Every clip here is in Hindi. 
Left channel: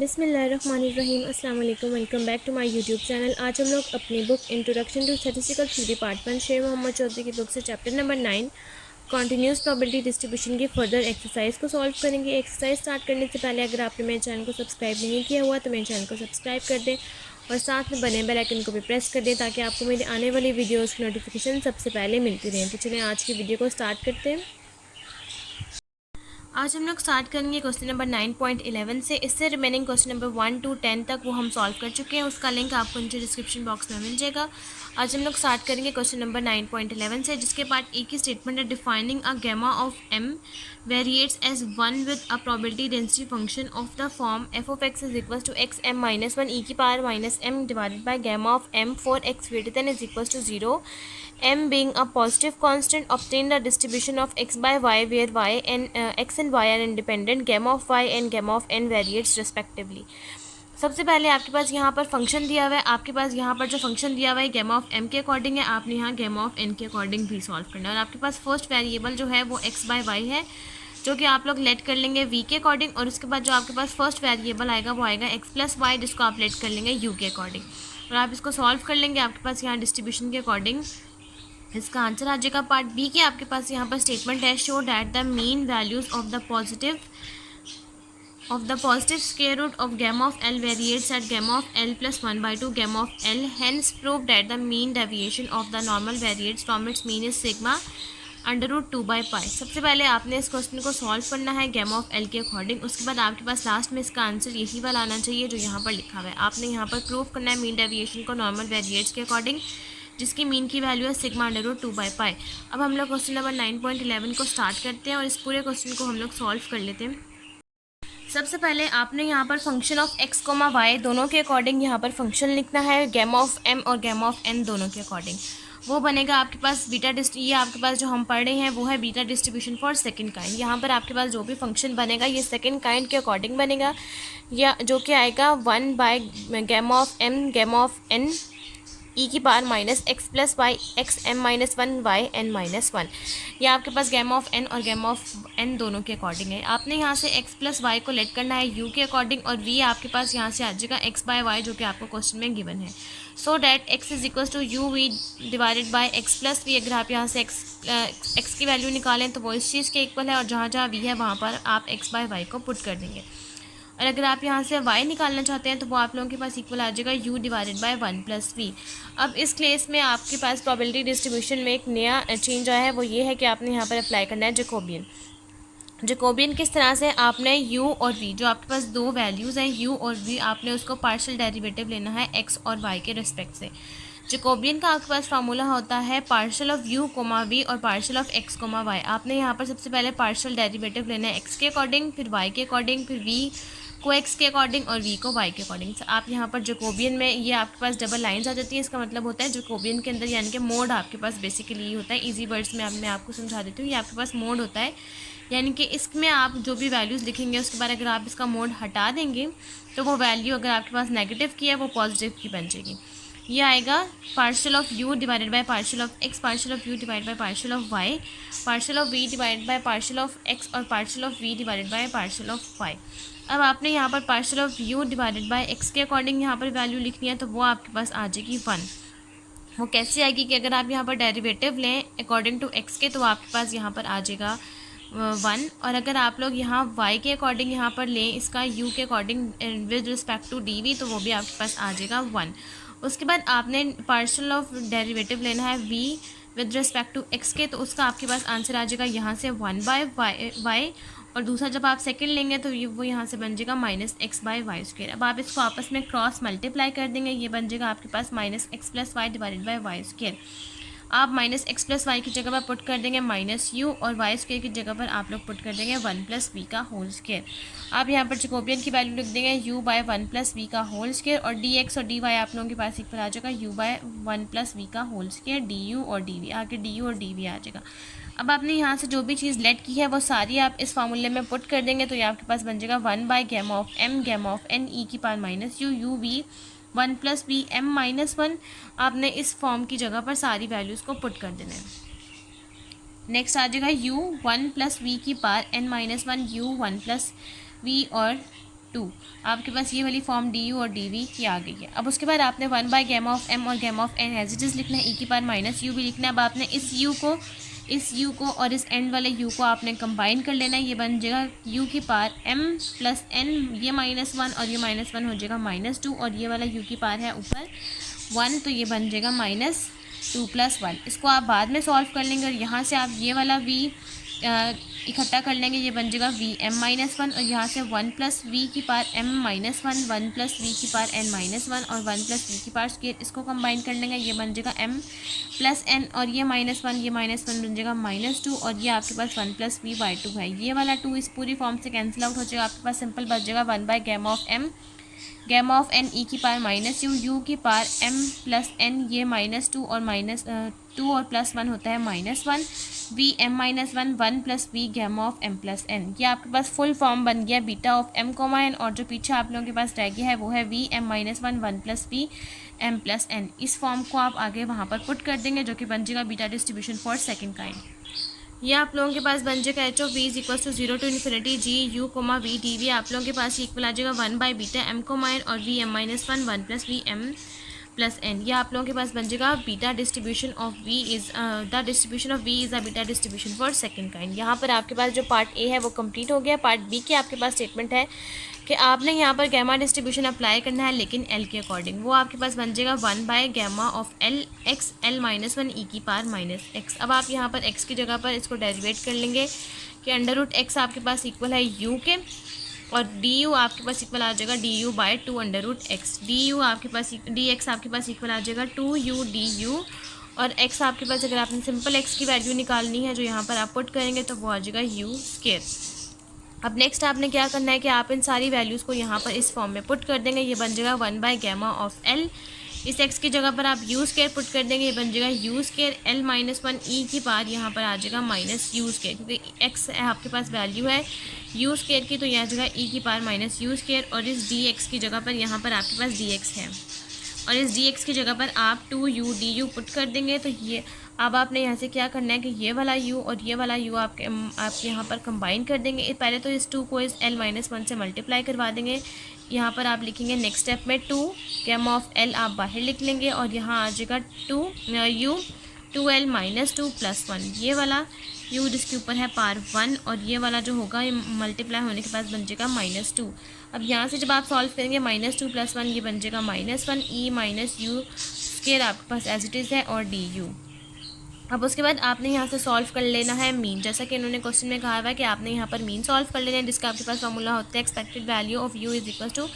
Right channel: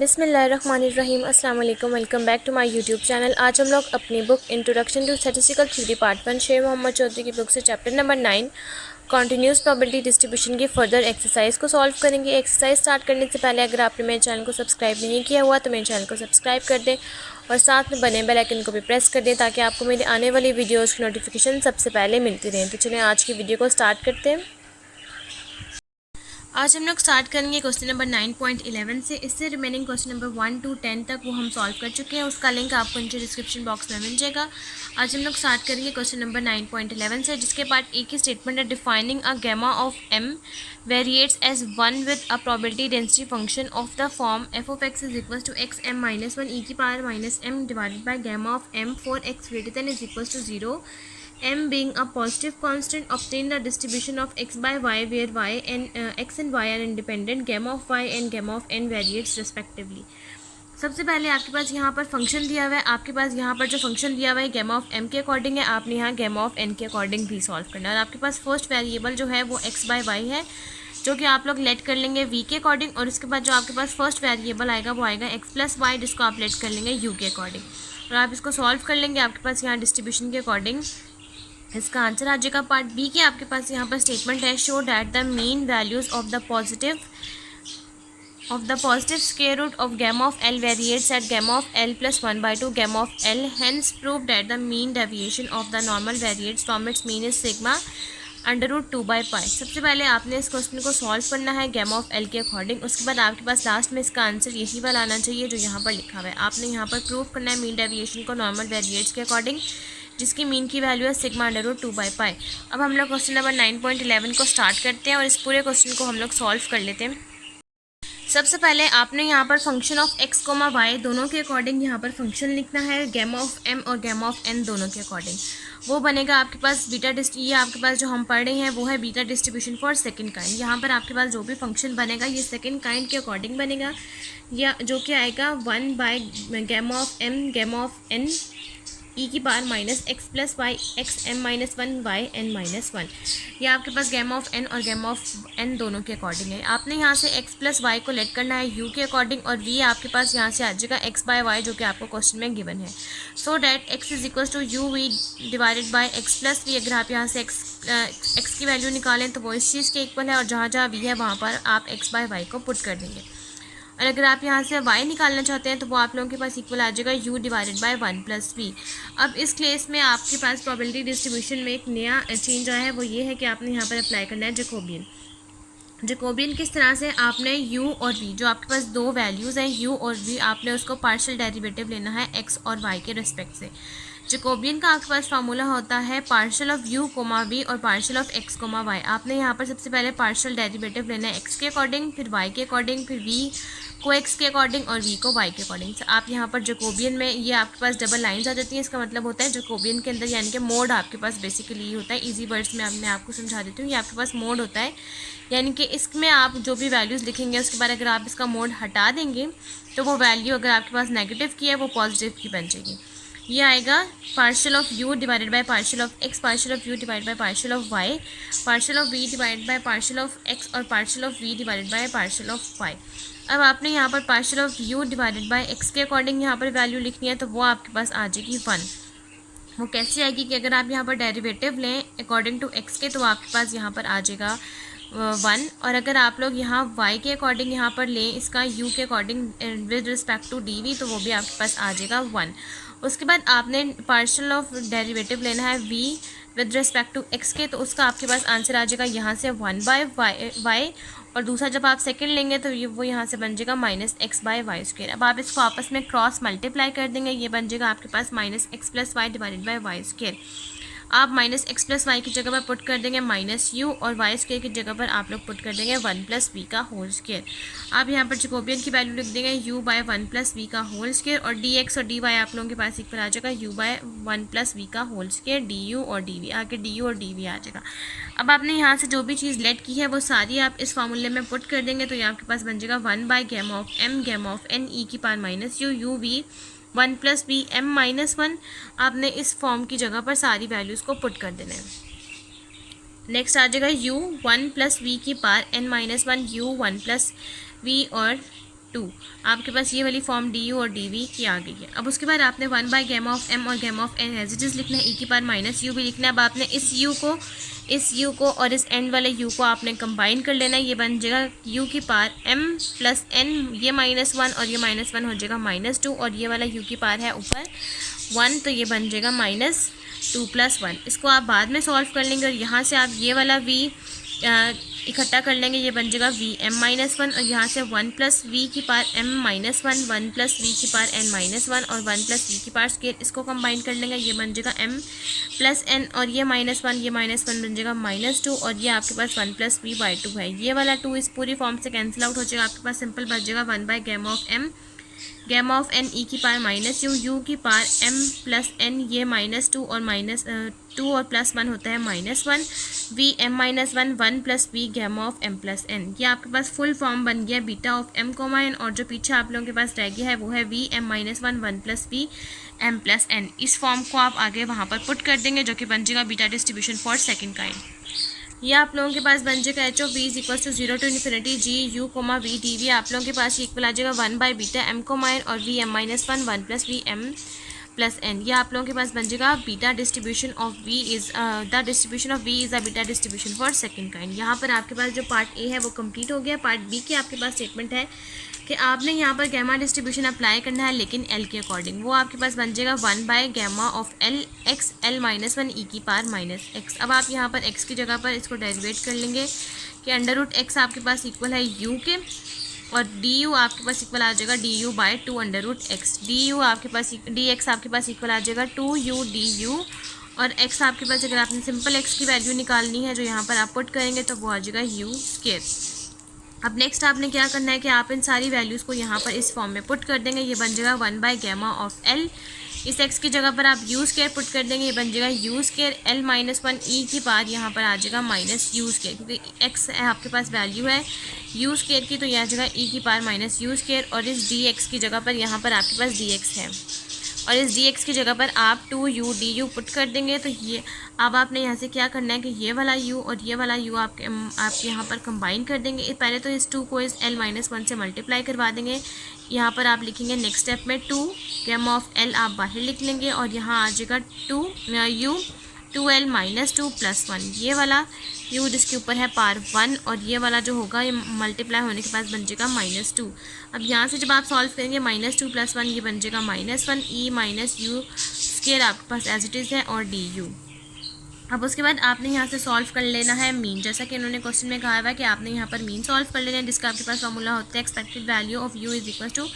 बिस्मिल्लाहिर्रहमानिर्रहीम। अस्सलाम वालेकुम। Welcome back to my YouTube channel. आज हम लोग अपनी book introduction to statistical theory part 1 Sher Mohammad Chaudhry की बुक से chapter number 9 continuous probability distribution की फर्दर एक्सरसाइज को सॉल्व करेंगे। एक्सरसाइज स्टार्ट करने से पहले अगर आपने मेरे चैनल को सब्सक्राइब नहीं किया हुआ तो मेरे चैनल को सब्सक्राइब कर दें और साथ में बने बेल आइकन को भी प्रेस कर दें ताकि आपको मेरी आने वाली वीडियोज़ की नोटिफिकेशन सबसे पहले मिलती रहें। तो चलिए आज की वीडियो को स्टार्ट करते हैं। आज हम लोग स्टार्ट करेंगे क्वेश्चन नंबर 9.11 से। इससे रिमेनिंग क्वेश्चन नंबर 1 to 10 तक वो हम सॉल्व कर चुके हैं, उसका लिंक आपको नीचे डिस्क्रिप्शन बॉक्स में मिल जाएगा। आज हम लोग स्टार्ट करेंगे क्वेश्चन नंबर 9.11 से, जिसके पार्ट ए की स्टेटमेंट है defining a gamma of m variates as 1 with a probability density function of the form f of x is equal to x m minus one e की power minus m divided by gamma of m for x greater than is equal to 0, m being a positive constant, obtain the distribution of x by y where y and x and y are independent, gamma of y and gamma of n variates respectively। सबसे पहले आपके पास यहाँ पर फंक्शन दिया हुआ है, आपके पास यहाँ पर जो फंक्शन दिया हुआ है गैमा ऑफ m के अकॉर्डिंग है, आपने यहाँ गैमा ऑफ n के अकॉर्डिंग भी सॉल्व करना है। और आपके पास फर्स्ट वेरिएबल जो है वो x बाय y है, जो कि आप लोग लेट कर लेंगे v के अकॉर्डिंग, और उसके बाद जो आपके पास फर्स्ट वेरिएबल आएगा वो आएगा x प्लस वाई, जिसको आप लेट कर लेंगे u के अकॉर्डिंग, और आप इसको सॉल्व कर लेंगे आपके पास यहाँ डिस्ट्रीब्यूशन के अकॉर्डिंग। इसका आंसर आ जाएगा पार्ट बी के। आपके पास यहाँ पर स्टेटमेंट है show that the mean values of the positive square root of gamma of l variates at gamma of l plus 1/2 gamma of l, hence prove that the mean deviation of the normal variates from its mean is sigma √2/π। सबसे पहले आपने इस क्वेश्चन को सॉल्व करना है गैमा ऑफ एल के अकॉर्डिंग, उसके बाद आपके पास लास्ट में इसका आंसर यही वाला आना चाहिए जो यहाँ पर लिखा हुआ है। आपने यहाँ पर प्रूव करना है मीन डेविएशन को नॉर्मल वेरिएट्स के अकॉर्डिंग, जिसकी मीन की वैल्यू है सिग्मा √2/π। अब हम लोग क्वेश्चन नंबर 9.11 को स्टार्ट करते हैं और इस पूरे क्वेश्चन को हम लोग सॉल्व कर लेते हैं। सबसे पहले आपने यहाँ पर फंक्शन ऑफ x, y दोनों के अकॉर्डिंग यहाँ पर फंक्शन लिखना है, गैमा ऑफ m और गैमा ऑफ n दोनों के अकॉर्डिंग। वो बनेगा आपके पास ये आपके पास जो हम पढ़ रहे हैं वो है beta distribution for second kind. यहाँ पर आपके पास जो भी फंक्शन बनेगा ये सेकंड काइंड के अकॉर्डिंग बनेगा, या जो कि आएगा 1 by gamma of m gamma of n e की power minus x plus y x m minus one y n minus one. ये आपके पास गैमा ऑफ एन और गैमा ऑफ एन दोनों के अकॉर्डिंग है। आपने यहाँ से एक्स प्लस वाई को लेट करना है यू के अकॉर्डिंग, और वी आपके पास यहाँ से आ जाएगा एक्स बाय वाई जो कि आपको क्वेश्चन में गिवन है। So that x is equal to u v divided by x plus v. अगर आप यहाँ से एक्स की वैल्यू निकालें तो वो इस चीज़ के इक्वल है, और जहाँ जहाँ वी है वहाँ पर आप एक्स बाय वाई को पुट कर देंगे। और अगर आप यहाँ से y निकालना चाहते हैं तो वो आप लोगों के पास इक्वल आ जाएगा u divided by 1 plus v. अब इस केस में आपके पास प्रोबेबिलिटी डिस्ट्रीब्यूशन में एक नया चेंज आया है, वो ये है कि आपने यहाँ पर अप्लाई करना है जैकोबियन। किस तरह से आपने u और v, जो आपके पास दो वैल्यूज़ हैं u और v, आपने उसको पार्शियल डेरिवेटिव लेना है x और y के रिस्पेक्ट से। जैकोबियन का आपके पास फार्मूला होता है पार्शियल ऑफ u, v और पार्शियल ऑफ x, y। आपने यहाँ पर सबसे पहले पार्शियल डेरिवेटिव लेना है x के अकॉर्डिंग, फिर y के अकॉर्डिंग, फिर v को x के अकॉर्डिंग और v को y के अकॉर्डिंग। आप यहाँ पर जैकोबियन में ये आपके पास डबल लाइंस आ जाती हैं, इसका मतलब होता है जैकोबियन के अंदर यानी कि मोड आपके पास बेसिकली ये होता है। इजी वर्ड्स में मैं आपको समझा देती हूँ, ये आपके पास मोड होता है, यानी कि इसमें आप जो भी वैल्यूज़ लिखेंगे उसके बाद अगर आप इसका मोड हटा देंगे तो वो वैल्यू अगर आपके पास नेगेटिव की है वो पॉजिटिव की बन जाएगी। ये आएगा partial of u divided by partial of x, partial of u divided by partial of y, partial of v divided by partial of x और partial of v divided by partial of y। अब आपने यहाँ पर partial of u divided bye x के अकॉर्डिंग यहाँ पर वैल्यू लिखनी है, तो वो आपके पास आ जाएगी 1। वो कैसे आएगी कि अगर आप यहाँ पर डेरिवेटिव लें अकॉर्डिंग टू x के तो आपके पास यहाँ पर आ जाएगा 1, और अगर आप लोग यहाँ y के अकॉर्डिंग यहाँ पर लें इसका u के according with respect to dv तो वो भी आपके पास आ जाएगा 1। उसके बाद आपने पार्शियल ऑफ डेरिवेटिव लेना है v with respect to x के, तो उसका आपके पास आंसर आ जाएगा यहाँ से 1 बाय y, और दूसरा जब आप सेकंड लेंगे तो वो यहाँ से बन जाएगा minus x by y square. अब आप इसको आपस में क्रॉस मल्टीप्लाई कर देंगे, ये बन जाएगा आपके पास minus x plus y divided by y square. आप माइनस एक्स प्लस वाई की जगह पर पुट कर देंगे माइनस यू, और वाई स्क्वायर की जगह पर आप लोग पुट कर देंगे 1 प्लस वी का होल स्क्वायर। आप यहाँ पर जैकोबियन की वैल्यू लिख देंगे u बाय 1 प्लस वी का होल स्क्वायर, और डी एक्स और डी वाई आप लोगों के पास इक्वल आ जाएगा u बाय 1 प्लस वी का होल स्क्वायर, डी यू और डी वी, आगे डी यू और डी वी आ जाएगा। अब आपने यहाँ से जो भी चीज़ लेट की है वो सारी आप इस फार्मूले में पुट कर देंगे, तो ये आपके पास बन जाएगा 1 by gamma of m gamma of n e की power minus u v 1 plus v m minus 1। आपने इस फॉर्म की जगह पर सारी वैल्यूज़ को पुट कर देना है। नेक्स्ट आ जाएगा u 1 प्लस वी की power n minus 1 u 1 plus v और 2। आपके पास ये वाली फॉर्म डी यू और डी वी की आ गई है। अब उसके बाद आपने 1 बाय गैमा ऑफ एम और gamma of n as it is लिखना है, ई की पावर माइनस यू भी लिखना है। अब आपने इस यू को और इस एंड वाले यू को आपने कंबाइन कर लेना है, ये बन जाएगा यू की पावर एम प्लस एन, ये -1 और ये -1 हो जाएगा -2, और ये वाला यू की पावर है ऊपर 1, तो ये बन जाएगा -2 + 1। इसको आप बाद में सॉल्व कर लेंगे और यहाँ से आप ये वाला v इकट्ठा कर लेंगे, ये बन जाएगा v m-1, और यहाँ से 1 + v की पावर m-1, 1 + v की पावर n-1 और 1 + v की पावर स्क्वायर, इसको कंबाइन कर लेंगे, ये बन जाएगा m + n, और ये -1 ये -1 बन जाएगा -2, और ये आपके पास 1 + v/2 है। ये वाला 2 इस पूरी फॉर्म से कैंसिल आउट हो जाएगा, आपके पास सिंपल बच जाएगा 1 by gamma of m gamma of n e की पावर -u की पावर m + n, ये -2 और -2 और +1 होता है -1, v m-1 1 + v gamma of m + n। ये आपके पास फुल फॉर्म बन गया बीटा ऑफ m, n, और जो पीछे आप लोगों के पास रह गया है वो है v m-1 1 + v m + n। इस फॉर्म को आप आगे वहाँ पर पुट कर देंगे, जो कि बन जाएगा beta distribution for second kind. ये आप लोगों के पास बन जाएगा h of v = 0 to ∞ g u, v dv। आप लोगों के पास ये इक्वल आ जाएगा 1 बाय बीटा m, n और v m-1 1 + v m + n। ये आप लोगों के पास बन जाएगा beta distribution of v is the distribution of v is a beta distribution for second kind. यहाँ पर आपके पास जो पार्ट ए है वो कंप्लीट हो गया। पार्ट बी की आपके पास स्टेटमेंट है कि आपने यहाँ पर गैमा डिस्ट्रीब्यूशन अप्लाई करना है, लेकिन एल के अकॉर्डिंग। वो आपके पास बन जाएगा 1 by gamma of l x l-1 e की पावर -x। अब आप यहाँ पर x की जगह पर इसको डेरिवेट कर लेंगे कि √x आपके पास इक्वल है u के, और du आपके पास इक्वल आ जाएगा du/2 √x। du आपके पास dx आपके पास इक्वल आ जाएगा 2u du, और x आपके पास अगर आपने सिंपल x की वैल्यू निकालनी है जो यहाँ पर आप पुट करेंगे तो वो आ जाएगा u²। अब नेक्स्ट आपने क्या करना है कि आप इन सारी वैल्यूज़ को यहाँ पर इस फॉर्म में पुट कर देंगे, ये बन जाएगा 1 बाय गैमा ऑफ एल। इस x की जगह पर आप u² पुट कर देंगे, ये बन जाएगा u² l-1 ई की पावर यहाँ पर आ जाएगा -u², क्योंकि x आपके पास वैल्यू है u² की, तो यह आ जाएगा e की पावर -u², और इस dx की जगह पर यहाँ पर आपके पास dx है, और इस dx की जगह पर आप 2u du पुट कर देंगे। तो ये अब आपने यहाँ से क्या करना है कि ये वाला u और ये वाला u आप यहाँ पर कंबाइन कर देंगे। पहले तो इस 2 को इस l-1 से मल्टीप्लाई करवा देंगे। यहाँ पर आप लिखेंगे नेक्स्ट स्टेप में 2 गैमा ऑफ l आप बाहर लिख लेंगे, और यहाँ आ जाएगा 2l -2 + 1, ये वाला u जिसके ऊपर है पावर 1, और ये वाला जो होगा ये मल्टीप्लाई होने के बाद बन जाएगा -2। अब यहाँ से जब आप सॉल्व करेंगे -2 + 1 ये बन जाएगा -1 e -u² आपके पास एज इट इज़ है, और du। अब उसके बाद आपने यहाँ से सॉल्व कर लेना है मीन, जैसा कि इन्होंने क्वेश्चन में कहा हुआ है कि आपने यहाँ पर मीन सॉल्व कर लेना है, जिसका आपके पास फॉर्मूला होता है expected value of u = -∞ to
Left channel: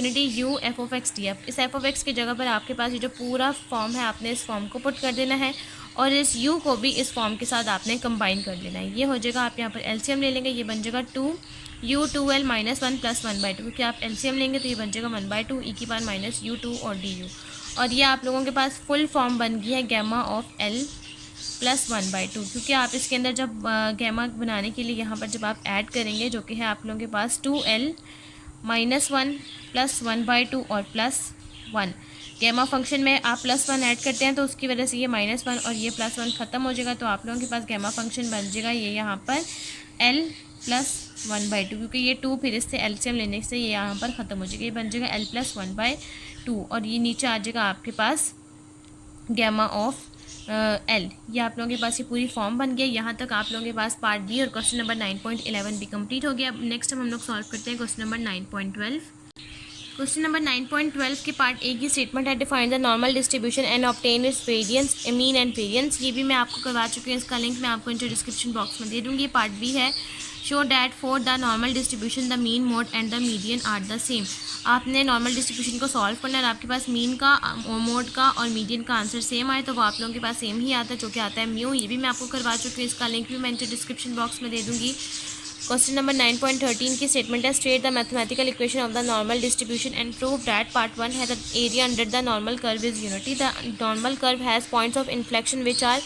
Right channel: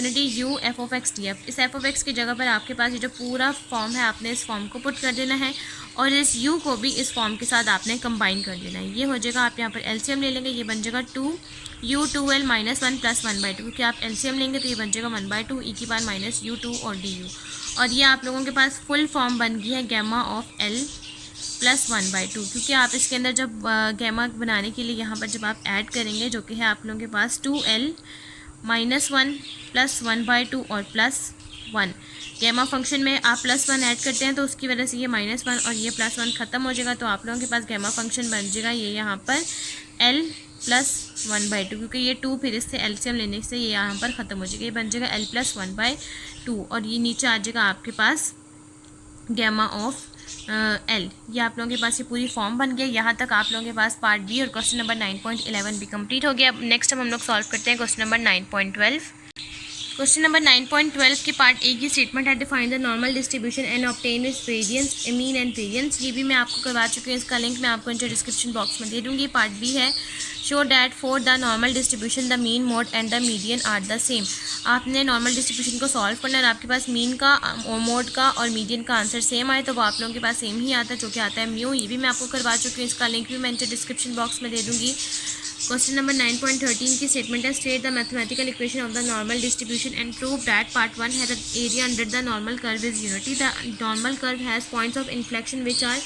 ∞ u f of x df। इस f of x की जगह पर आपके पास ये जो पूरा फॉर्म है आपने इस फॉर्म को पुट कर देना है, और इस u को भी इस फॉर्म के साथ आपने कंबाइन कर लेना है। ये हो जाएगा, आप यहाँ पर एलसीएम ले लेंगे, ये बन जाएगा 2u 2l - 1 + 1/2, क्योंकि आप एलसीएम लेंगे तो ये बन जाएगा 1/2 e की पावर -u2 और du। और ये आप लोगों के पास फुल फॉर्म बन गई है गैमा ऑफ l + 1/2, क्योंकि आप इसके अंदर जब गैमा बनाने के लिए यहाँ पर जब आप ऐड करेंगे, जो कि है आप लोगों के पास 2l - 1 + 1/2 और +1, गैमा फंक्शन में आप +1 ऐड करते हैं तो उसकी वजह से ये -1 और ये +1 ख़त्म हो जाएगा, तो आप लोगों के पास गैमा फंक्शन बन जाएगा ये यहाँ पर l + 1/2, क्योंकि ये 2 फिर इससे एलसीएम लेने से ये यहाँ पर ख़त्म हो जाएगा, ये बन जाएगा l + 1/2, और ये नीचे आ जाएगा आपके पास गैमा ऑफ l। ये आप लोगों के पास ये पूरी फॉर्म बन गया। यहाँ तक आप लोगों के पास पार्ट बी और क्वेश्चन नंबर 9.11 भी कंप्लीट हो गया। अब नेक्स्ट हम लोग सॉल्व करते हैं क्वेश्चन नंबर 9.12। क्वेश्चन नंबर 9.12 के पार्ट ए की स्टेटमेंट है define the normal distribution and obtain it's variance mean and variance. ये भी मैं आपको करवा चुकी हूँ, इसका लिंक मैं आपको नीचे डिस्क्रिप्शन बॉक्स में दे दूँगी। पार्ट बी है show that for the normal distribution the mean mode and the median are the same. आपने नॉर्मल डिस्ट्रीब्यूशन को सॉल्व करना है और आपके पास मीन का, मोड का और मीडियन का आंसर सेम आए तो वो आप लोगों के पास सेम ही आता है, जो कि आता है म्यू। ये भी मैं आपको करवा चुकी हूँ, इसका लिंक भी मैं नीचे डिस्क्रिप्शन बॉक्स में दे दूँगी। क्वेश्चन नंबर 9.13 की स्टेटमेंट है state the mathematical equation of the normal distribution and prove that part 1 है the area under the normal curve is unity. The normal curve has points of inflection which are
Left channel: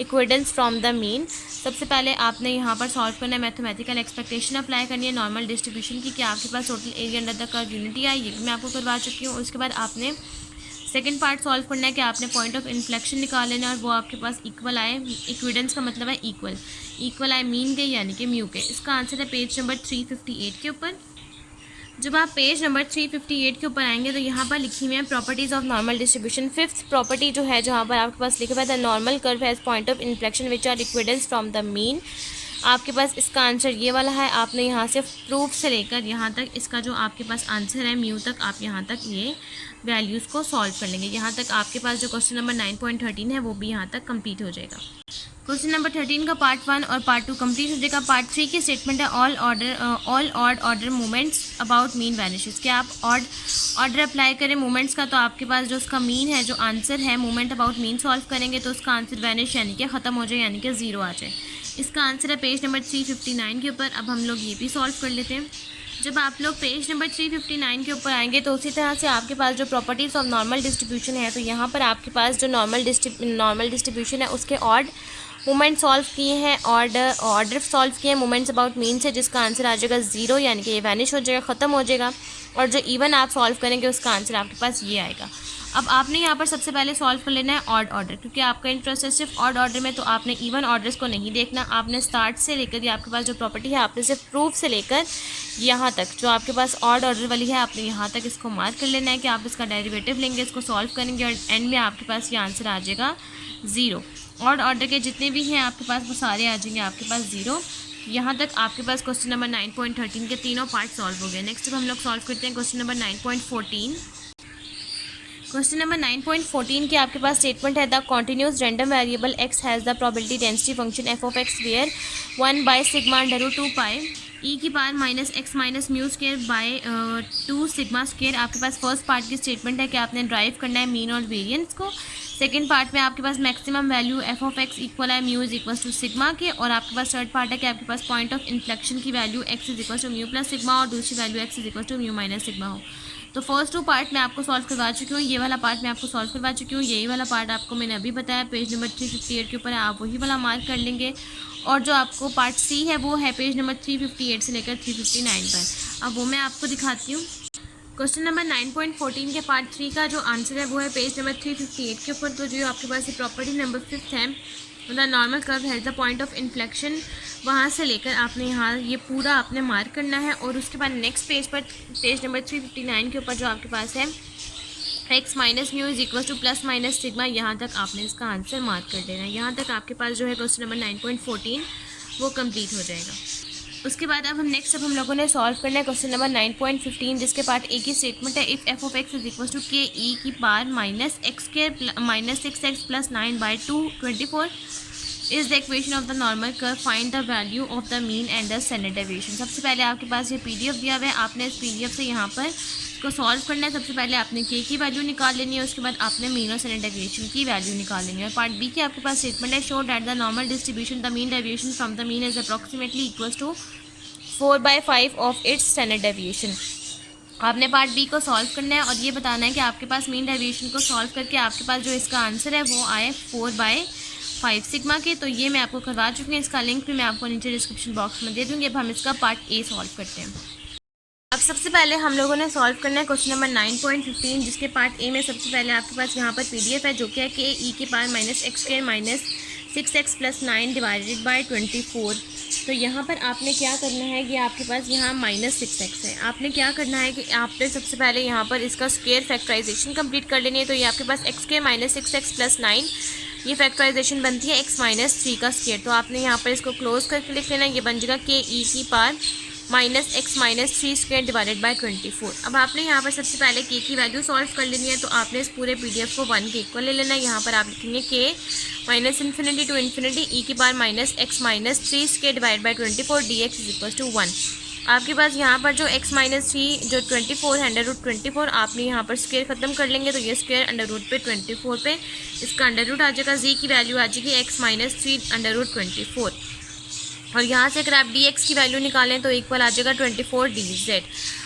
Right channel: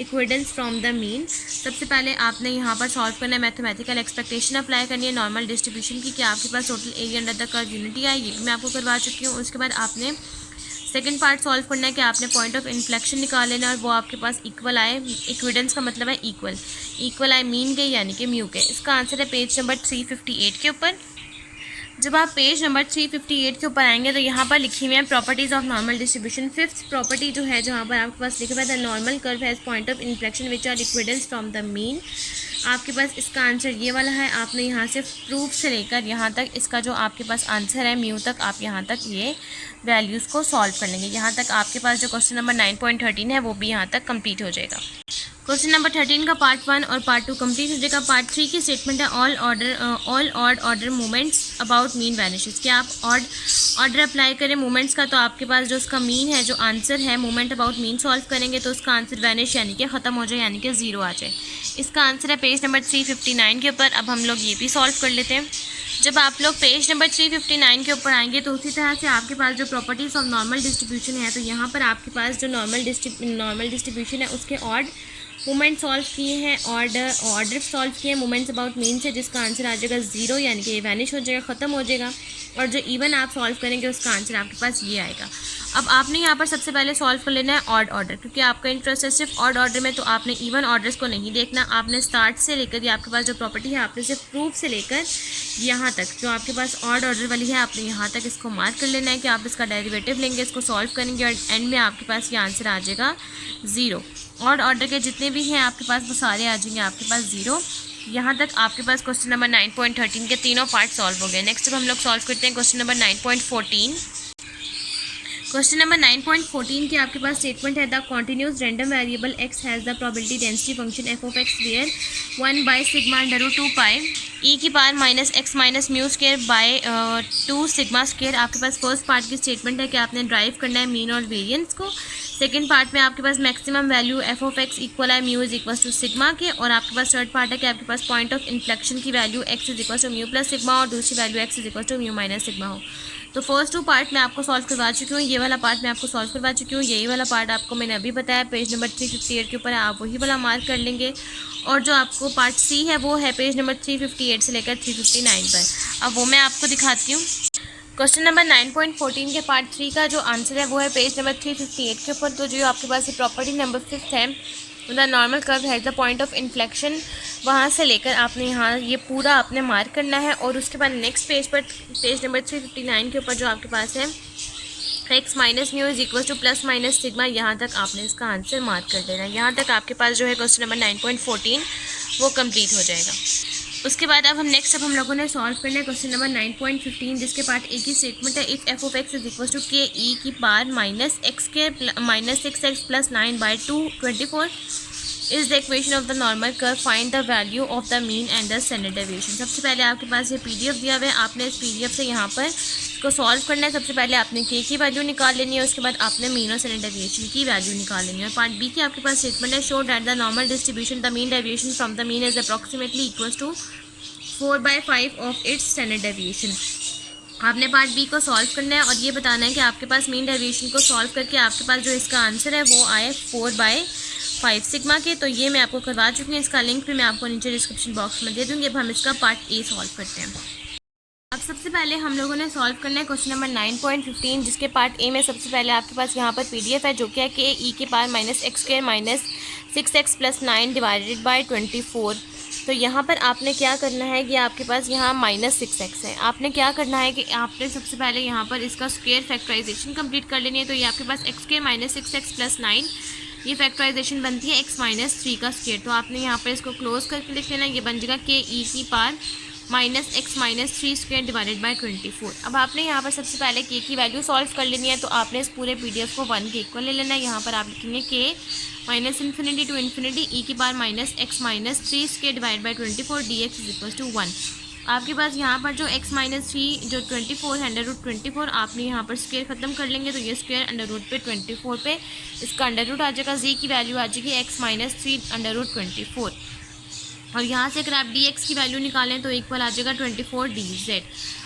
equidistance from the mean. सबसे पहले आपने यहाँ पर सॉल्व करना है, मैथमेटिकल एक्सपेक्टेशन अप्लाई करनी है नॉर्मल डिस्ट्रीब्यूशन की कि आपके पास total area under the curve unity है, ये भी मैं आपको करवा चुकी हूँ। उसके बाद आपने सेकंड पार्ट सॉल्व करना है कि आपने पॉइंट ऑफ इन्फ्लेक्शन निकाल लेना और वो आपके पास इक्वल आए, इक्विडेंस का मतलब है इक्वल आए मीन के यानी कि म्यू के। इसका आंसर है पेज नंबर 358 के ऊपर। जब आप पेज नंबर 358 के ऊपर आएंगे तो यहाँ पर लिखी हुई है properties of normal distribution. Fifth property जो है जहाँ पर आपके पास लिखा हुआ है the normal curve has point of inflection which are equidistance from the mean. आपके पास इसका आंसर ये वाला है। आपने यहाँ से प्रूफ से लेकर यहाँ तक इसका जो आपके पास आंसर है म्यू तक, आप यहाँ तक ये वैल्यूज़ को सॉल्व कर लेंगे। यहाँ तक आपके पास जो क्वेश्चन नंबर 9.13 है वो भी यहाँ तक कंप्लीट हो जाएगा। क्वेश्चन नंबर 13 का पार्ट 1 और पार्ट 2 कंप्लीट हो जाएगा। पार्ट 3 की स्टेटमेंट है all odd order movements about mean vanishes. क्या आप ऑड ऑर्डर अप्लाई करें मूवमेंट्स का तो आपके पास जो उसका मीन है, जो आंसर है मूवमेंट अबाउट मीन सॉल्व करेंगे तो उसका आंसर वैनिश यानी कि ख़त्म हो जाए, यानी कि 0 आ जाए। इसका आंसर है पेज नंबर 359 के ऊपर। अब हम लोग ये भी सॉल्व कर लेते हैं। जब आप लोग पेज नंबर 359 के ऊपर आएंगे तो उसी तरह से आपके पास जो प्रॉपर्टीज़ ऑफ नॉर्मल डिस्ट्रीब्यूशन है, तो यहाँ पर आपके पास जो नॉर्मल डिस्ट्रीब्यूशन है उसके ऑड मूवमेंट सॉल्व किए हैं, ऑर्डर सॉल्व किए हैं मूवमेंट्स अबाउट मीन से, जिसका आंसर आ जाएगा 0 यानी कि ये वैनिश हो जाएगा, ख़त्म हो जाएगा। और जो इवन आप सॉल्व करेंगे उसका आंसर आपके पास ये आएगा। अब आपने यहाँ पर सबसे पहले सॉल्व कर लेना है ऑड ऑर्डर, क्योंकि आपका इंटरेस्ट है सिर्फ ऑड ऑर्डर में, तो आपने इवन ऑर्डर्स को नहीं देखना। आपने स्टार्ट से लेकर ये आपके पास जो प्रॉपर्टी है आपने सिर्फ प्रूफ से लेकर यहाँ तक जो आपके पास ऑड ऑर्डर वाली है आपने यहाँ तक इसको मार्क कर लेना है कि आप इसका डेरिवेटिव लेंगे, इसको सॉल्व करेंगे और एंड में आपके पास ये आंसर आ जाएगा 0। ऑड ऑर्डर के जितने भी हैं आपके पास वो सारे आ जाएंगे आपके पास 0। यहाँ तक आपके पास क्वेश्चन नंबर 9.13 के तीनों पार्ट सॉल्व हो गए। नेक्स्ट अब हम लोग सॉल्व करते हैं क्वेश्चन नंबर 9.14। क्वेश्चन नंबर 9.14 की आपके पास स्टेटमेंट है the continuous random variable x has the probability density function f of x where 1 by sigma under root 2 pi e की power minus x minus mu square by 2 sigma square. आपके पास फर्स्ट पार्ट की स्टेटमेंट है कि आपने ड्राइव करना है मीन और वेरिएंस को। सेकंड पार्ट में आपके पास maximum value f of x equal है mu is equal to sigma के, और आपके पास थर्ड पार्ट है कि आपके पास पॉइंट ऑफ इन्फ्लेक्शन की value x is equal to mu plus sigma और दूसरी value x is equal to mu minus sigma हो। तो फर्स्ट 2 पार्ट मैं आपको सॉल्व करवा चुकी हूँ, ये वाला पार्ट मैं आपको सॉल्व करवा चुकी हूँ, यही वाला पार्ट आपको मैंने अभी बताया पेज नंबर 358 के ऊपर है, आप वही वाला मार्क कर लेंगे। और जो आपको पार्ट सी है वो है पेज नंबर 358 से लेकर 359 पर। अब वो मैं आपको दिखाती हूँ। क्वेश्चन नंबर 9.14 के पार्ट 3 का जो आंसर है वो है पेज नंबर 358 के ऊपर। तो जो आपके पास ये प्रॉपर्टी नंबर 5 है the normal curve has the point of inflection, वहाँ से लेकर आपने यहाँ ये पूरा आपने मार्क करना है। और उसके बाद नेक्स्ट पेज पर पेज नंबर 359 के ऊपर जो आपके पास है x minus mu is equal two plus minus sigma, यहाँ तक आपने इसका आंसर मार्क कर देना है। यहाँ तक आपके पास जो है क्वेश्चन नंबर 9.14 वो कंप्लीट हो जाएगा। उसके बाद अब हम लोगों ने सॉल्व करना है क्वेश्चन नंबर 9.15, जिसके पार्ट ए की स्टेटमेंट है if f of x is equal to k e की power minus x square minus 6x plus 9 by 224 is the equation of the normal curve, find the value of the mean and the standard deviation. सबसे पहले आपके पास ये PDF दिया हुआ है, आपने इस PDF से यहाँ पर इसको सॉल्व करना है। सबसे पहले आपने के की वैल्यू निकाल लेनी है, उसके बाद आपने मीन और स्टैंडर्ड डेविएशन की वैल्यू निकाल लेनी है। और पार्ट बी की आपके पास स्टेटमेंट है show that the normal distribution the mean deviation from the mean is approximately equal to 4/5 of its standard deviation. आपने पार्ट बी को सॉल्व करना है और ये बताना है कि आपके पास मीन डेविएशन को सॉल्व करके आपके पास जो इसका आंसर है वो आए 4/5 सिग्मा के। तो ये मैं आपको करवा चुकी हूँ, इसका लिंक भी मैं आपको नीचे डिस्क्रिप्शन बॉक्स में दे दूँगी। अब हम इसका पार्ट ए सॉल्व करते हैं। अब सबसे पहले हम लोगों ने सॉल्व करना है क्वेश्चन नंबर 9.15, जिसके पार्ट ए में सबसे पहले आपके पास यहाँ पर PDF है जो कि है कि ई की power minus x square minus 6x plus 9 divided by 24। तो यहाँ पर आपने क्या करना है कि आपके पास यहाँ माइनस 6x है। आपने क्या करना है कि आपने सबसे पहले यहाँ पर इसका स्क्वायर फैक्टराइजेशन कंप्लीट कर लेनी है। तो ये आपके पास x square minus 6x plus 9 ये फैक्टराइजेशन बनती है x माइनस 3 का स्क्वायर। तो आपने यहाँ पर इसको क्लोज करके लिख लेना, ये बन जाएगा के ई की power minus x minus 3 square divided by 24। अब आपने यहाँ पर सबसे पहले के की वैल्यू सॉल्व कर लेनी है। तो आपने इस पूरे PDF को 1 के इक्वल ले लेना है। यहाँ पर आप लिखेंगे k minus infinity to infinity e की power minus x minus 3 square divide by 24 dx is equal to 1। आपके पास यहाँ पर जो x माइनस 3 जो 24 है अंडर रूट 24, आपने यहाँ पर स्क्वायर ख़त्म कर लेंगे तो ये स्क्वायर अंडर रूट पे 24 पे इसका अंडर रूट आ जाएगा, z की वैल्यू आ जाएगी x माइनस 3 अंडर रूट 24। और यहाँ से अगर आप dx की वैल्यू निकालें तो इक्वल आ जाएगा 24 dz।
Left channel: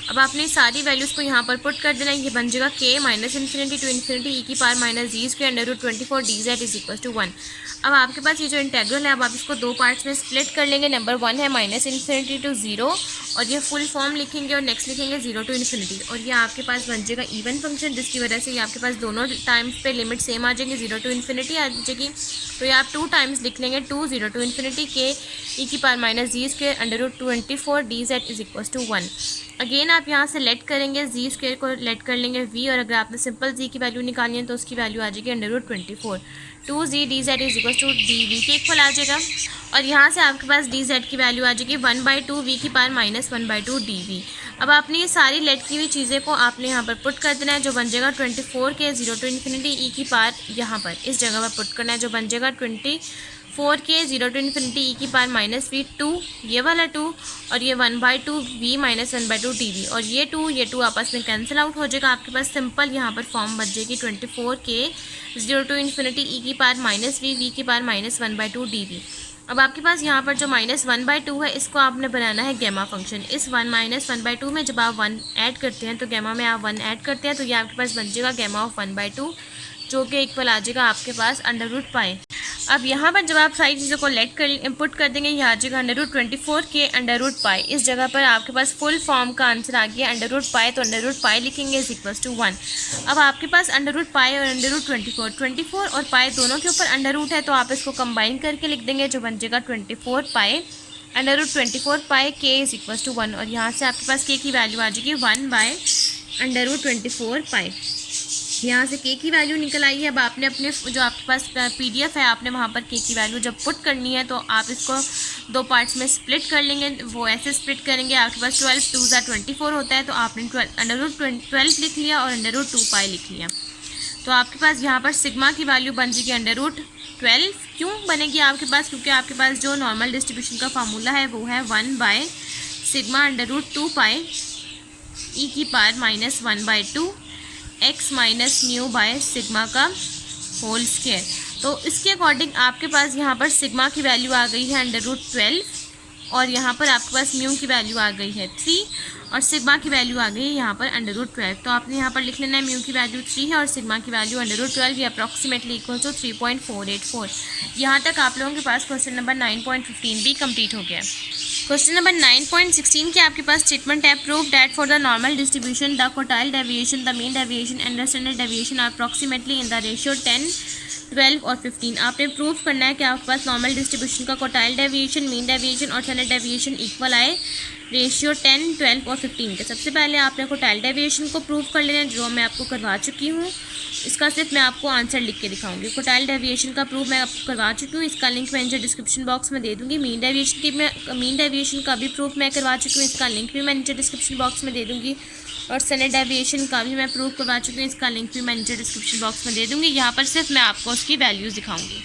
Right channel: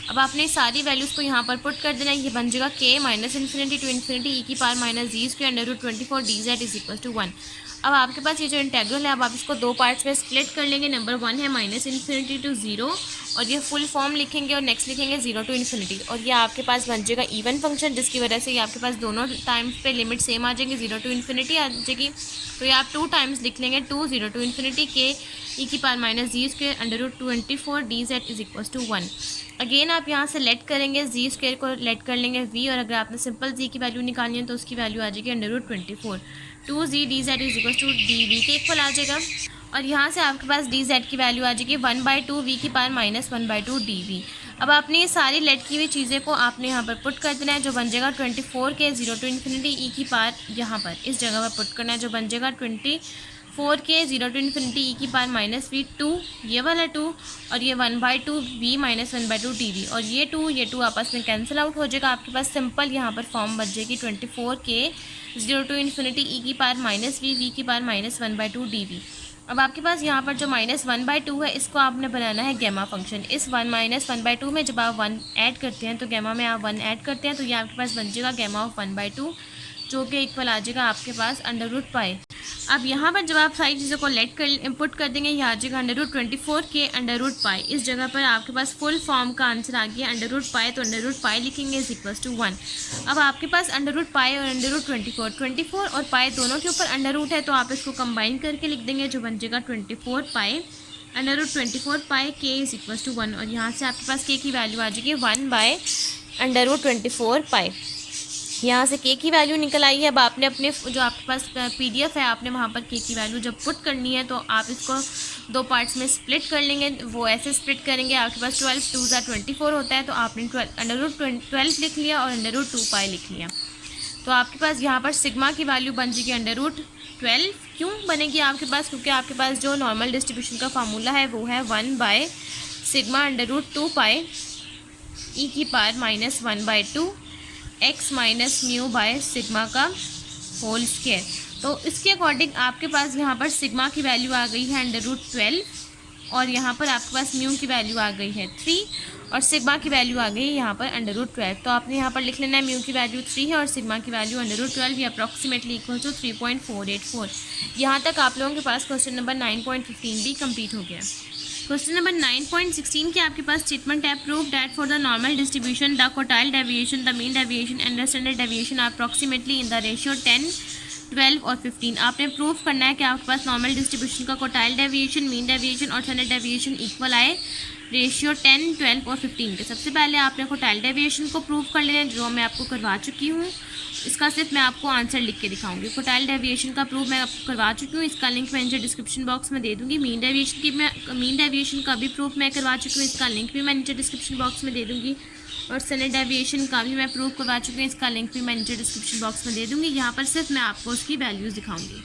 अब आपने सारी वैल्यूज़ को यहाँ पर पुट कर देना है। ये बन जाएगा k minus infinity to infinity e की power minus g square under root 24 d z is equal to 1। अब आपके पास ये जो इंटेग्रल है, अब आप इसको दो पार्ट्स में स्प्लिट कर लेंगे। नंबर 1 है माइनस इन्फिनिटी टू 0 और ये फुल फॉर्म लिखेंगे और नेक्स्ट लिखेंगे 0 टू इन्फिनिटी, और ये आपके पास बन जाएगा इवन फंक्शन, जिसकी वजह से ये आपके पास दोनों टाइम्स पे लिमिट सेम आ जाएंगे, 0 टू इन्फिनिटी आ जाएगी। तो ये आप 2 टाइम्स लिख लेंगे, 2 0 टू इन्फिनिटी के ई की power minus g square under root 24 d z is equal to 1। Again आप यहाँ से लेट करेंगे, जी स्क्वायर को लेट कर लेंगे v, और अगर आपने सिंपल जी की वैल्यू निकालनी है तो उसकी वैल्यू आ जाएगी under root 24, 2z d z is equal to d v के इक्वल आ जाएगा। और यहाँ से आपके पास डी जेड की वैल्यू आ जाएगी 1/2 v की पावर माइनस 1/2 डी वी। अब आपने ये सारी लेट की हुई चीज़ें को आपने यहाँ पर पुट कर देना है, जो बन जाएगा 24 के 0 टू इन्फिनिटी ई की पावर यहाँ पर इस जगह पर पुट करना है, जो बन जाएगा 24 के 0 टू इन्फिनिटी ई की पावर माइनस वी 2, ये वाला 2, और ये 1/2 वी माइनस 1/2 डी वी, और ये 2 आपस में कैंसिल आउट हो जाएगा। आपके पास सिंपल यहाँ पर फॉर्म बच जाएगी 24 के 0 टू इन्फिनिटी ई की पावर माइनस वी की पावर माइनस 1/2 डी वी। अब आपके पास यहाँ पर जो माइनस 1/2 है, इसको आपने बनाना है गैमा फंक्शन। इस 1 माइनस 1/2 में जब आप 1 ऐड करते हैं तो गैमा में आप 1 ऐड करते हैं, तो ये आपके पास बन जाएगा गैमा ऑफ 1/2, जो कि इक्वल आ जाएगा आपके पास अंडर रूट पाई। अब यहाँ पर जब आप सारी चीज़ों को लेट कर इनपुट कर देंगे, ये आ जाएगा अंडर रूट 24 के अंडर रूट पाई। इस जगह पर आपके पास फुल फॉर्म का आंसर आ गया अंडर रूट पाई, तो अंडर रूट पाई लिखेंगे इज इक्वल टू 1। अब आपके पास अंडर रूट पाई और अंडर रूट 24 और पाई दोनों के ऊपर अंडर रूट है, तो आप इसको कंबाइन करके लिख देंगे, जो बन जाएगा 24 पाई अंडर रूट 24 पाई के इज इक्वल टू 1, और यहाँ से आपके पास के की वैल्यू आ जाएगी 1/√24 पाई। यहाँ से के की वैल्यू निकल आई है। अब आपने अपने जो आपके पास पीडीएफ है, आपने वहाँ पर के की वैल्यू जब पुट करनी है तो आप इसको दो पार्ट्स में स्प्लिट कर लेंगे। वो ऐसे स्प्लिट करेंगे, आपके पास 12 2 24 होता है, तो आपने अंडर रूट 12 लिख लिया और अंडर रूट 2 पाई लिख लिया। तो आपके पास यहाँ पर सिग्मा की वैल्यू बन जाएगी अंडर रूट 12। क्यों बनेगी आपके पास? क्योंकि आपके पास जो नॉर्मल डिस्ट्रीब्यूशन का फार्मूला है वो है 1/सिग्मा अंडर रूट 2 पाई ई की power minus 1/2 x minus mu by sigma का होल स्क्वायर। तो इसके अकॉर्डिंग आपके पास यहाँ पर सिग्मा की वैल्यू आ गई है अंडर रूट 12, और यहाँ पर आपके पास म्यू की वैल्यू आ गई है 3, और सिग्मा की वैल्यू आ गई है यहाँ पर अंडर रूट 12। तो आपने यहाँ पर लिख लेना है म्यू की वैल्यू 3 है और सिग्मा की वैल्यू अंडर रूट 12 या अप्रॉक्सीमेटली इक्वल टू 3.484। यहाँ तक आप लोगों के पास क्वेश्चन नंबर 9.15 भी कंप्लीट हो गया। क्वेश्चन नंबर 9.16 के आपके पास स्टेटमेंट है, prove that for the normal distribution the quartile deviation, the mean deviation and the standard deviation are approximately in the ratio 10, 12 और 15। आपने प्रूव करना है कि आपके पास नॉर्मल डिस्ट्रीब्यूशन का क्वार्टाइल डेविएशन, मीन डेविएशन और स्टैंडर्ड डेविएशन इक्वल आए रेशियो 10, 12 और 15 के। सबसे पहले आपने क्वार्टाइल डेविएशन को प्रूव कर लेना है, जो मैं आपको करवा चुकी हूँ। इसका सिर्फ मैं आपको आंसर लिख के दिखाऊंगी। क्वार्टाइल डेविएशन का प्रूफ मैं आपको करवा चुकी हूँ, इसका लिंक मैं नीचे डिस्क्रिप्शन बॉक्स में दे दूँगी। मीन डेविएशन का भी प्रूफ मैं करवा चुकी हूँ, इसका लिंक भी मैं नीचे डिस्क्रिप्शन बॉक्स में दे दूँगी। और स्टैंडर्ड डेविएशन का भी मैं प्रूफ करवा चुकी हूँ, इसका लिंक भी मैं नीचे डिस्क्रिप्शन बॉक्स में दे दूँगी। यहाँ पर सिर्फ मैं आपको उसकी वैल्यूज़ दिखाऊँगी।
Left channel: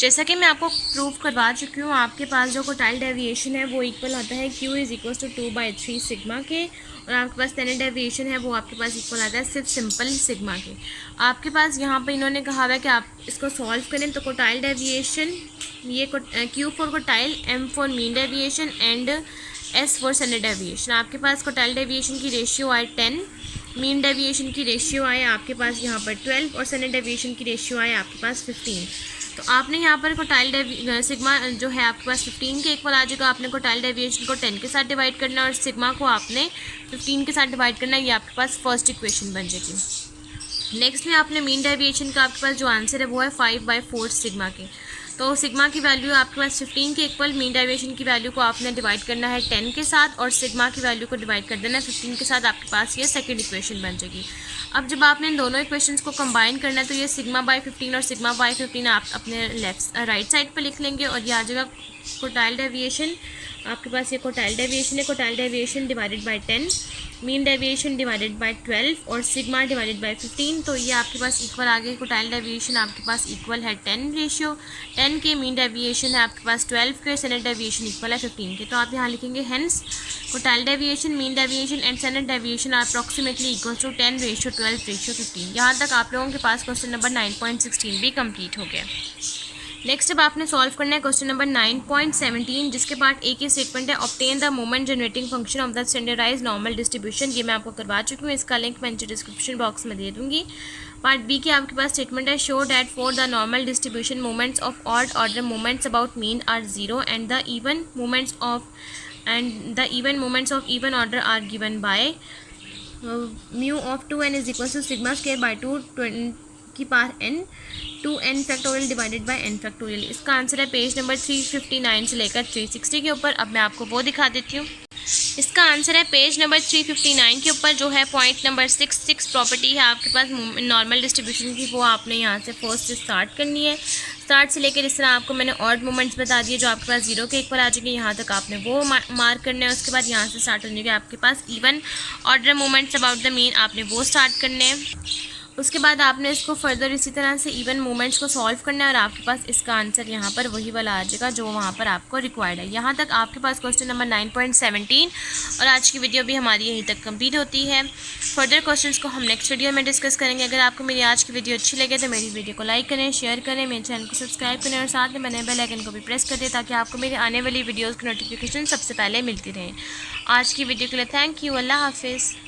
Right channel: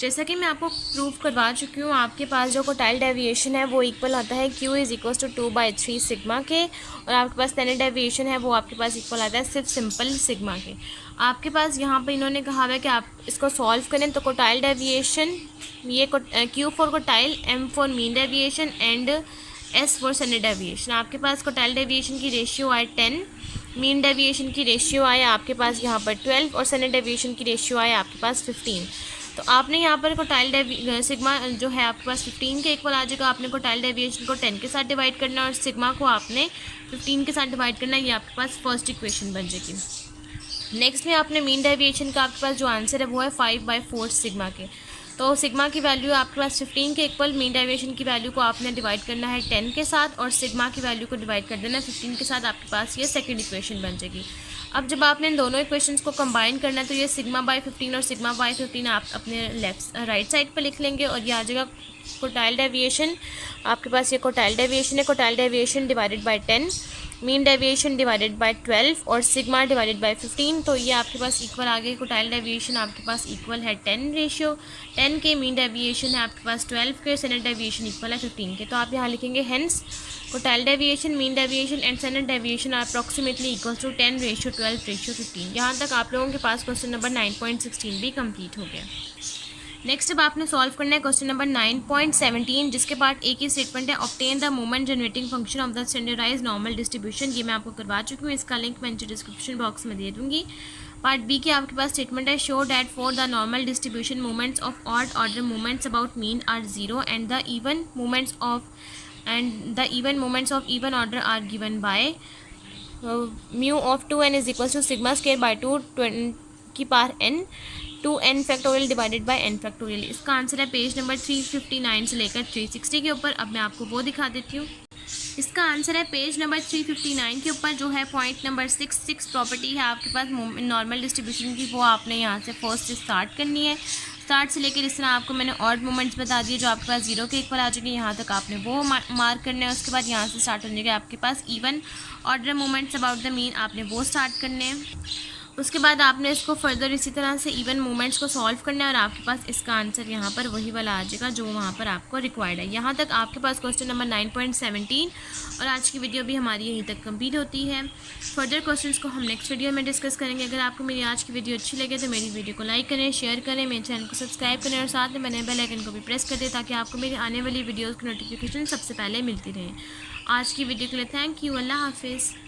जैसा कि मैं आपको प्रूफ करवा चुकी हूँ, आपके पास जो क्वार्टाइल डेविएशन है वो इक्वल आता है Q is equal to 2/3 sigma के, और आपके पास स्टैंडर्ड डेविएशन है वो आपके पास इक्वल आता है सिर्फ सिंपल सिग्मा के। आपके पास यहाँ पर इन्होंने कहा है कि आप इसको सॉल्व करें, तो क्वार्टाइल डेविएशन ये Q for quartile, M for mean deviation and S for standard deviation. आपके पास क्वार्टाइल डेविएशन की रेशियो आए 10, मीन डेविएशन की रेशियो आए आपके पास यहाँ पर 12 और स्टैंडर्ड डेविएशन की रेशियो आए आपके पास 15। तो आपने यहाँ पर क्वार्टाइल सिग्मा जो है आपके पास 15 के इक्वल आ जाएगा। आपने क्वार्टाइल डेविएशन को 10 के साथ डिवाइड करना है और सिग्मा को आपने 15 के साथ डिवाइड करना है। ये आपके पास फर्स्ट इक्वेशन बन जाएगी। नेक्स्ट में आपने मीन डेविएशन का आपके पास जो आंसर है वो है 5/4 सिग्मा के। तो सिग्मा की वैल्यू आपके पास 15 के इक्वल, मीन डेविएशन की वैल्यू को आपने डिवाइड करना है 10 के साथ और सिग्मा की वैल्यू को डिवाइड कर देना है 15 के साथ। आपके पास ये सेकंड इक्वेशन बन जाएगी। अब जब आपने इन दोनों इक्वेशंस को कंबाइन करना है तो ये सिग्मा/15 और सिग्मा/15 आप अपने राइट साइड पर लिख लेंगे और ये आ जाएगा क्वार्टाइल डेविएशन। आपके पास ये क्वार्टाइल डेविएशन है, quartile deviation divided by 10, mean deviation divided by 12 और सिग्मा डिवाइडेड बाय 15। तो ये आपके पास इक्वल आ गए। क्वार्टाइल डेविएशन आपके पास इक्वल है 10 रेशियो 10 के, मीन डेविएशन है आपके पास 12 के, स्टैंडर्ड डेविएशन इक्वल है 15 के। तो आप यहाँ लिखेंगे hence quartile deviation, mean deviation and standard deviation are approximately equal to 10:12:15। यहाँ तक आप लोगों के पास क्वेश्चन नंबर 9.16 भी कंप्लीट हो गया। नेक्स्ट अब आपने सॉल्व करना है क्वेश्चन नंबर 9.17, जिसके पार्ट ए की स्टेटमेंट है obtain the moment generating function of the standardize normal distribution. ये मैं आपको करवा चुकी हूँ, इसका लिंक मैं नीचे डिस्क्रिप्शन बॉक्स में दे दूँगी। पार्ट बी की आपके पास स्टेटमेंट है show that for the normal distribution moments of odd order moments about mean are zero and the even moments of even order are given by mu of 2n is equal to sigma square by 2 की power n 2n factorial divided by n factorial. इसका आंसर है पेज नंबर 359 से लेकर 360 के ऊपर। अब मैं आपको वो दिखा देती हूँ। इसका आंसर है पेज नंबर 359 के ऊपर, जो है पॉइंट नंबर 6 प्रॉपर्टी है आपके पास नॉर्मल डिस्ट्रीब्यूशन की, वो आपने यहाँ से फर्स्ट से स्टार्ट करनी है। स्टार्ट से लेकर इस तरह आपको मैंने ऑड मोमेंट्स बता दिए जो आपके पास जीरो के इक्वल आ चुके हैं, यहाँ तक आपने वो मार्क करने हैं। उसके बाद यहाँ से स्टार्ट होने के आपके पास even order moments about the mean, आपने वो स्टार्ट करने हैं। उसके बाद आपने इसको फर्दर इसी तरह से इवन मोमेंट्स को सॉल्व करना है और आपके पास इसका आंसर यहाँ पर वही वाला आ जाएगा जो वहाँ पर आपको रिक्वायर्ड है। यहाँ तक आपके पास क्वेश्चन नंबर 9.17 और आज की वीडियो भी हमारी यहीं तक कंप्लीट होती है। फर्दर क्वेश्चंस को हम नेक्स्ट वीडियो में डिस्कस करेंगे। अगर आपको मेरी आज की वीडियो अच्छी लगे तो मेरी वीडियो को लाइक करें, शेयर करें, मेरे चैनल को सब्सक्राइब करें और साथ में बने बेल आइकन को भी प्रेस कर दें ताकि आपको मेरी आने वाली वीडियोज़ की नोटिफिकेशन सबसे पहले मिलती रहे। आज की वीडियो के लिए थैंक यू। अल्लाह हाफिज़।